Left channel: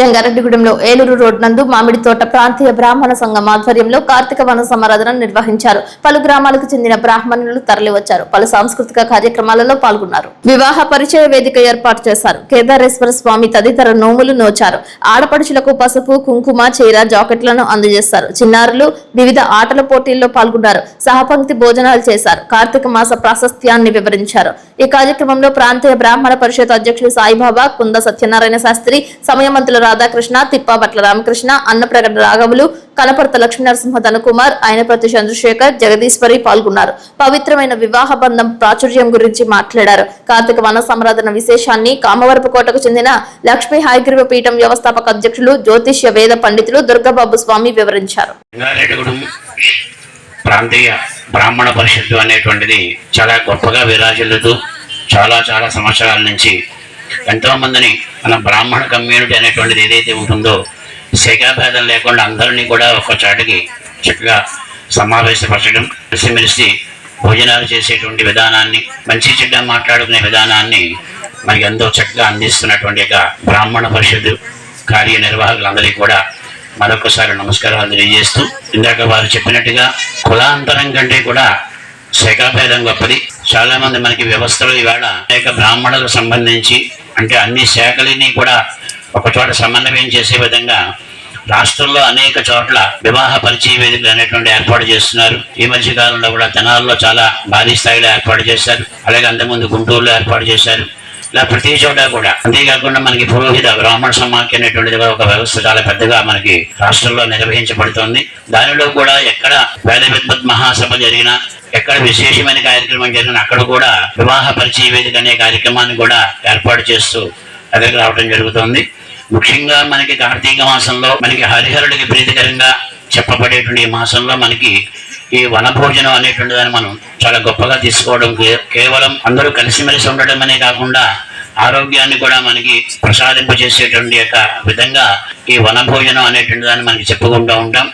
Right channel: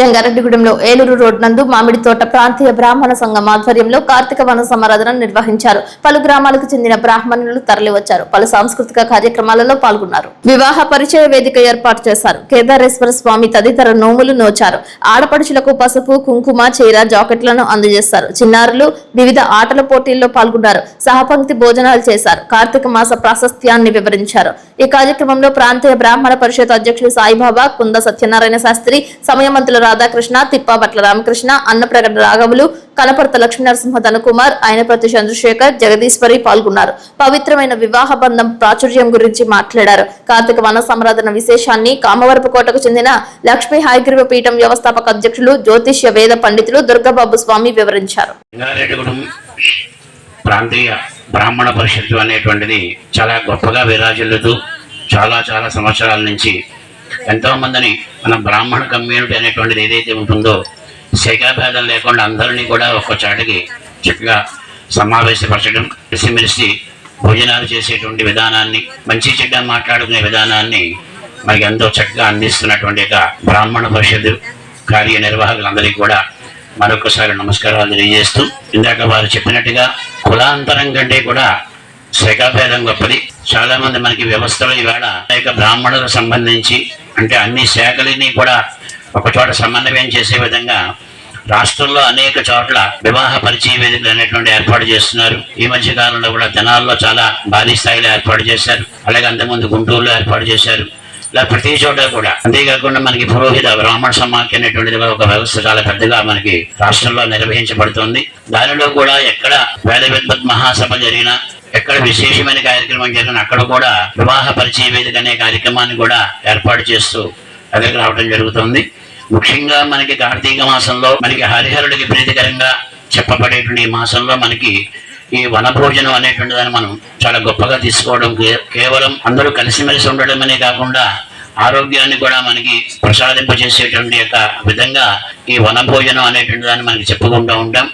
జంగారెడ్డిగూడెంలో Eluru road నందు మామిడి తోట ప్రాంతీయ బ్రాహ్మణ సంఘం ఆధ్వర్యంలో కార్తీక వన సమారాధన నిర్వహించారు. పలు గ్రామాలకు చెందిన బ్రాహ్మణులు తరలివచ్చారు. పలు సాంస్కృతిక కార్యక్రమాలలో పాల్గొన్నారు. వివాహ పరిచయ వేదిక ఏర్పాటు చేశారు. కేదారేశ్వర స్వామి తదితర నోములు నోచారు. ఆడపడుచులకు పసుపు, కుంకుమ, చీర, జాకెట్లను అందజేశారు. చిన్నారులు వివిధ ఆటల పోటీల్లో పాల్గొన్నారు. సహపంక్తి భోజనాలు చేశారు. కార్తీక మాస ప్రాశస్త్యాన్ని వివరించారు. ఈ కార్యక్రమంలో ప్రాంతీయ బ్రాహ్మణ పరిషత్ అధ్యక్షులు సాయిబాబా, కుంద సత్యనారాయణ శాస్త్రి, సమయమంతుల రాధాకృష్ణ, తిప్పాబట్ల రామకృష్ణ, అన్నప్రగడ రాఘవులు, కనపర్త లక్ష్మీనరసింహ ధనకుమార్, ఆయనప్రతి చంద్రశేఖర్, జగదీశ్వరి పాల్గొన్నారు. పవిత్రమైన వివాహ బంధం ప్రాచుర్యం గురించి మాట్లాడారు. కార్తీక వన సమారాధన విశేషాన్ని కామవరపుకోటకు చెందిన లక్ష్మీ హయగ్రీవ పీఠం వ్యవస్థాపక అధ్యక్షులు, జ్యోతిష్య వేద పండితులు దుర్గాబాబు స్వామి వివరించారు. ప్రాంతీయ బ్రాహ్మణ పరిషత్తు అనేటువంటిది చాలా గొప్పగా విరాజిల్లుతూ చాలా సంవత్సరాల నుంచి ఎంతో మందిని మన బ్రాహ్మణ కమ్యూనిటీ అనేటువంటిది ఏదైతే ఉంటుందో శాఖాభేదం లేకుండా అందరినీ కూడా ఒక చాటికి చక్కగా సమావేశపరచడం, కలిసిమెలిసి భోజనాలు చేసేటువంటి విధానాన్ని, మంచి చెడ్డ మాట్లాడుకునే విధానాన్ని మనకి ఎంతో చక్కగా అందిస్తున్నటువంటి బ్రాహ్మణ పరిషత్తు కార్యనిర్వాహకులందరికీ కూడా మరొకసారి నమస్కారాలు తెలియజేస్తూ, ఇందాక వారు చెప్పినట్టుగా కులాంతరం కంటే కూడా శాఖాభేదం గొప్పది. చాలా మంది మనకి వ్యవస్థలు ఇవాళ అనేక బ్రాహ్మణులకు సంబంధించి అంటే అన్ని శాఖలని కూడా ఒక చోట సమన్వయం చేసే విధంగా రాష్ట్రంలో అనేక చోట్ల వివాహ పరిచయ వేదికలు అనేటువంటి ఏర్పాటు చేస్తున్నారు. ఈ మధ్య కాలంలో కూడా తెనాల్లో చాలా భారీ స్థాయిలో ఏర్పాటు చేశారు. అలాగే అంతకుముందు గుంటూరులో ఏర్పాటు చేశారు. ఇలా ప్రతి చోట కూడా. అంతేకాకుండా మనకి పురోహిత బ్రాహ్మణ సమాఖ్య అనేటువంటిది ఒక వ్యవస్థ చాలా పెద్దగా మనకి రాష్ట్రంలో నిర్వహించబడుతోంది. దానిలో కూడా ఎక్కడ వేద విద్వత్ మహాసభ జరిగినా, ఎక్కడ విశేషమైన కార్యక్రమం జరిగినా అక్కడ కూడా వివాహ పరిచయ వేదిక అనే కార్యక్రమాన్ని కూడా ఏర్పాటు చేస్తూ దగ్గరకు రావడం జరుగుతుంది. ముఖ్యంగా మనకి కార్తీక మాసంలో మనకి హరిహరుడికి ప్రీతికరంగా చెప్పబడేటువంటి ఈ మాసంలో మనకి ఈ వనభోజనం అనేటువంటి దాన్ని మనం చాలా గొప్పగా తీసుకోవడం, కేవలం అందరూ కలిసిమెలిసి ఉండడం అనే కాకుండా ఆరోగ్యాన్ని కూడా మనకి ప్రసాదింపజేసేటువంటి విధంగా ఈ వనభోజనం అనేటువంటి దాన్ని మనకి చెప్పుకుంటూ ఉంటాం.